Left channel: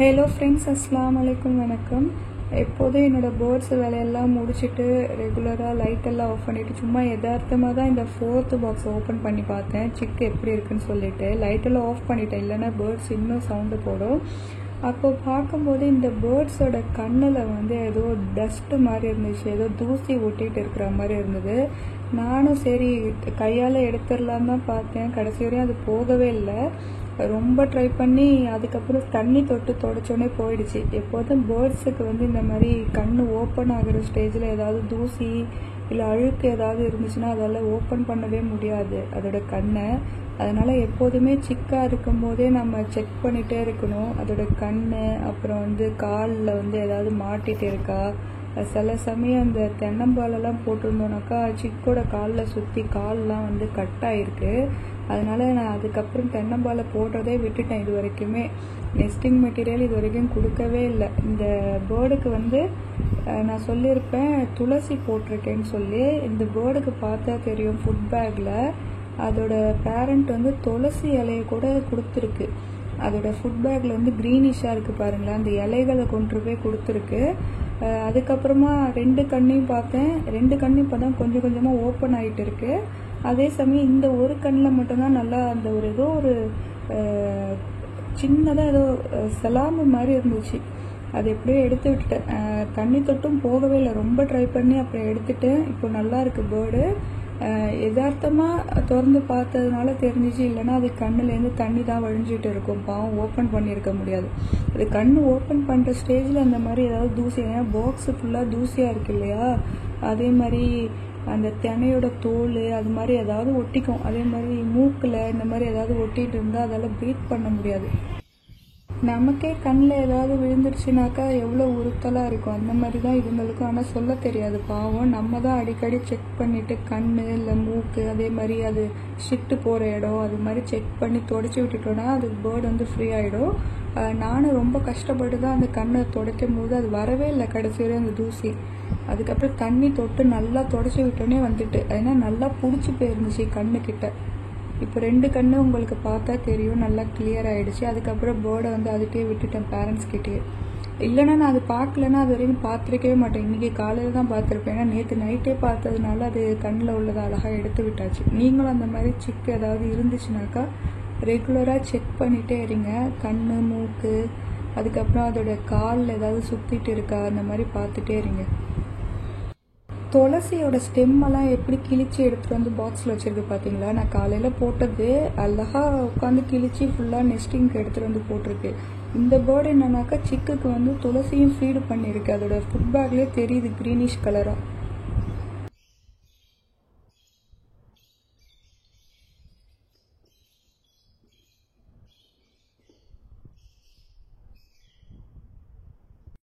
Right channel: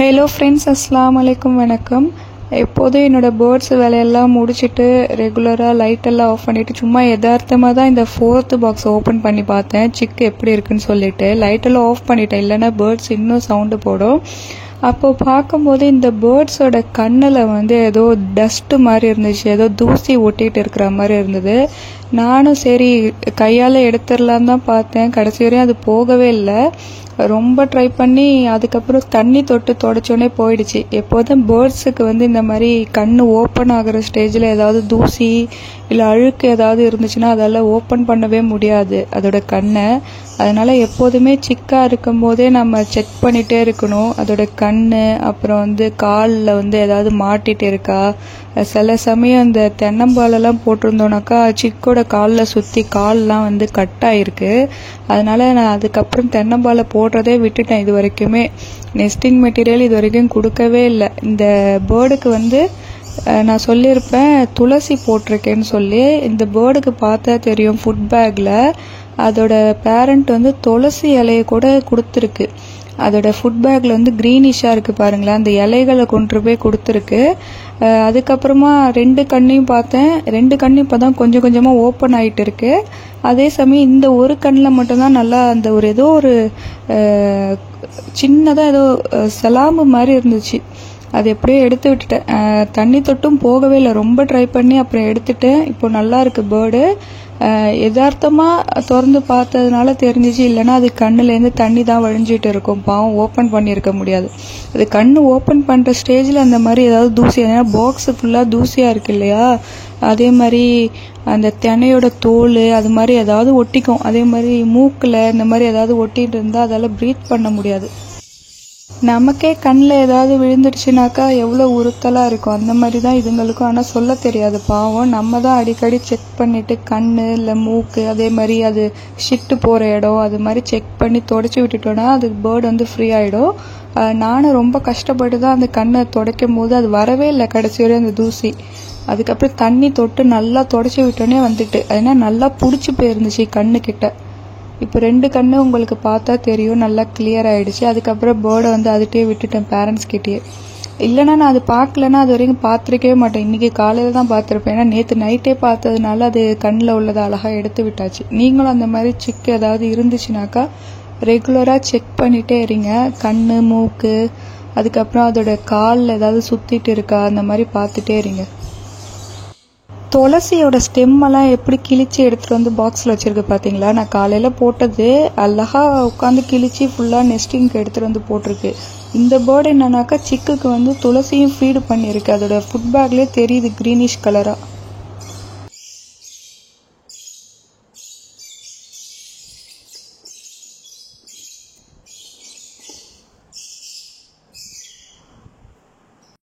Hello friends, அஸ்ஸலாமு அலைக்கும். வணக்கம். எப்போதும் என்னோடய பேர்ட்ஸ் வேலையெல்லாம் முடிச்சுட்டு ரெகுலராக லைட்டெல்லாம் ஆஃப் பண்ணிவிட்டு சும்மா யதார்த்தமாக தான் இந்த 4th பாக்ஸ் ஓப்பன் பண்ணி பார்த்தேன் சிக்கு எப்படி இருக்குன்னு சொல்லிட்டு. லைட்டெல்லாம் ஆஃப் பண்ணிட்டேன், இல்லைன்னா பேர்ட்ஸ் இன்னும் சவுண்டு போடும். அப்போது பார்க்கும்போது இந்த பேர்ட்ஸோட கண்ணில் ஏதோ டஸ்ட்டு மாதிரி இருந்துச்சு, ஏதோ தூசி ஒட்டிகிட்டு இருக்கிற மாதிரி இருந்தது. நானும் சரி கையால் எடுத்துடலான்னு தான் பார்த்தேன். கடைசி வரையும் அது போகவே இல்லை. ரொம்ப ட்ரை பண்ணி அதுக்கப்புறம் தண்ணி தொட்டு தொடச்சோடனே போயிடுச்சு. எப்போதும் பேர்ட்ஸுக்கு இந்த மாதிரி கண் ஓப்பன் ஆகிற ஸ்டேஜில் ஏதாவது தூசி இல்லை அழுக்கு ஏதாவது இருந்துச்சுன்னா அதெல்லாம் ஓப்பன் பண்ணவே முடியாது அதோட கண்ணை. அதனால் எப்போதுமே சிக்காக இருக்கும் போதே நம்ம செக் பண்ணிகிட்டே இருக்கணும் அதோட கண். அப்புறம் காலில் ஏதாவது மாட்டிகிட்டு இருக்கா. சில சமயம் இந்த தென்னம்பாலெல்லாம் போட்டிருந்தோன்னாக்கா சிக்கோட காலில் சுற்றி கால்லாம் கட் ஆகிருக்கு. அதனால் நான் அதுக்கப்புறம் தென்னம்பாலை போடுறதே விட்டுட்டேன். இது வரைக்குமே நெஸ்டிங் மெட்டீரியல் இது வரைக்கும் கொடுக்கவே இல்லை. இந்த பேர்டுக்கு நான் சொல்லியிருப்பேன் துளசி போட்டிருக்கேன்னு சொல்லி. இந்த பேர்டுக்கு பார்த்தா தெரியும், ஃபுட் பேக்கில் அதோட பேரண்ட் துளசி இலையை கூட கொடுத்துருக்கு. அதோட ஃபுட் பேக்கில் க்ரீனிஷாக இருக்குது பாருங்களேன், அந்த இலைகளை கொண்டு போய் கொடுத்துருக்கு. அதுக்கப்புறமா 2 கண்ணையும் பார்த்தேன். 2 கண்ணும் இப்போ தான் கொஞ்சம் கொஞ்சமாக ஓப்பன் ஆகிட்டு இருக்கு. அதே சமயம் இந்த ஒரு கண்ணில் மட்டும்தான் நல்லா அந்த ஏதோ ஒரு சின்னதாக ஏதோ சலாம்பு மாதிரி இருந்துச்சு. அது எப்படியோ எடுத்து விட்டுட்டேன். தண்ணி தொட்டும் போகவே இல்லை. ரொம்ப ட்ரை பண்ணி அப்புறம் எடுத்துட்டேன். இப்போ நல்லா இருக்குது பேர்டு. யதார்த்தமாக திறந்து பார்த்ததுனால தெரிஞ்சிச்சு, இல்லைன்னா அது கண்ணுலேருந்து தண்ணி தான் வழிஞ்சிட்டு இருக்கும். பாவம் ஓப்பன் பண்ணியிருக்க முடியாது. அது கண் ஓப்பன் பண்ணுற ஸ்டேஜில் அந்த மாதிரி ஏதாவது தூசி, ஏன்னா பாக்ஸு ஃபுல்லாக தூசியாக இருக்கு இல்லையா, அதே மாதிரி அந்த தினையோட தோல் அது மாதிரி ஏதாவது ஒட்டிக்கும். அதே மாதிரி மூக்கில் இந்த மாதிரி ஏதாவது ஒட்டிகிட்டு இருந்தால் அதால் ப்ரீத் பண்ண முடியாது. நமக்கே கண்ணில் ஏதாவது விழுந்துடுச்சுனாக்கா எவ்வளோ உறுத்தலாக இருக்கும். அந்த மாதிரி தான் இதுங்களுக்கும். ஆனால் சொல்ல தெரியாது பாவம். நம்ம தான் அடிக்கடி செக் பண்ணிவிட்டு கண் இல்லை மூக்கு, அதே மாதிரி அது ஷிட்டு போகிற இடம் அது மாதிரி செக் பண்ணி தொடச்சி விட்டுட்டோன்னா அதுக்கு பேர்டு ஃப்ரீ ஆகிடும். நானும் ரொம்ப கஷ்டப்பட்டு தான் அந்த கண்ணை துடைக்கும் போது அது வரவே இல்லை கடைசி வரையும் அந்த தூசி. அதுக்கப்புறம் தண்ணி தொட்டு நல்லா தொடச்சி விட்டோன்னே ஏன்னா நல்லா பிடிச்சி போயிருந்துச்சு கண்ணுக்கிட்ட. இப்போ 2 கண்ணு உங்களுக்கு பார்த்தா தெரியும், நல்லா கிளியர் ஆகிடுச்சு. அதுக்கப்புறம் பேர்டை அதுகிட்டே விட்டுட்டேன், பேரண்ட்ஸ் கிட்டேயே. இல்லைன்னா நான் அது பார்க்கலன்னா அது வரைக்கும் பார்த்துருக்கவே மாட்டேன். இன்றைக்கி காலையில் தான் பார்த்துருப்பேன். ஏன்னா நேற்று நைட்டே பார்த்ததுனால அது கண்ணில் உள்ளதை அழகாக எடுத்து விட்டாச்சு. நீங்களும் அந்த மாதிரி சிக்கு ஏதாவது இருந்துச்சுனாக்கா ரெகுலராக செக் பண்ணிகிட்டே இருங்க. கண், மூக்கு, அதுக்கப்புறம் அதோட காலில் ஏதாவது சுற்றிட்டு இருக்கா அந்த மாதிரி பார்த்துட்டே இருங்க. துளசியோட ஸ்டெம்மெல்லாம் எப்படி கிழிச்சு எடுத்துகிட்டு பாக்ஸில் வச்சுருக்கு பார்த்தீங்களா. நான் காலையில் போட்டது அழகாக உட்காந்து கிழிச்சு ஃபுல்லாக நெஸ்டிங்க்கு எடுத்துகிட்டு போட்டிருக்கு. இந்த பேர்டு என்னன்னாக்கா சிக்குக்கு துளசியும் ஃபீடு பண்ணியிருக்கு. அதோட ஃபுட் பேக்லேயே தெரியுது க்ரீனிஷ் கலராக.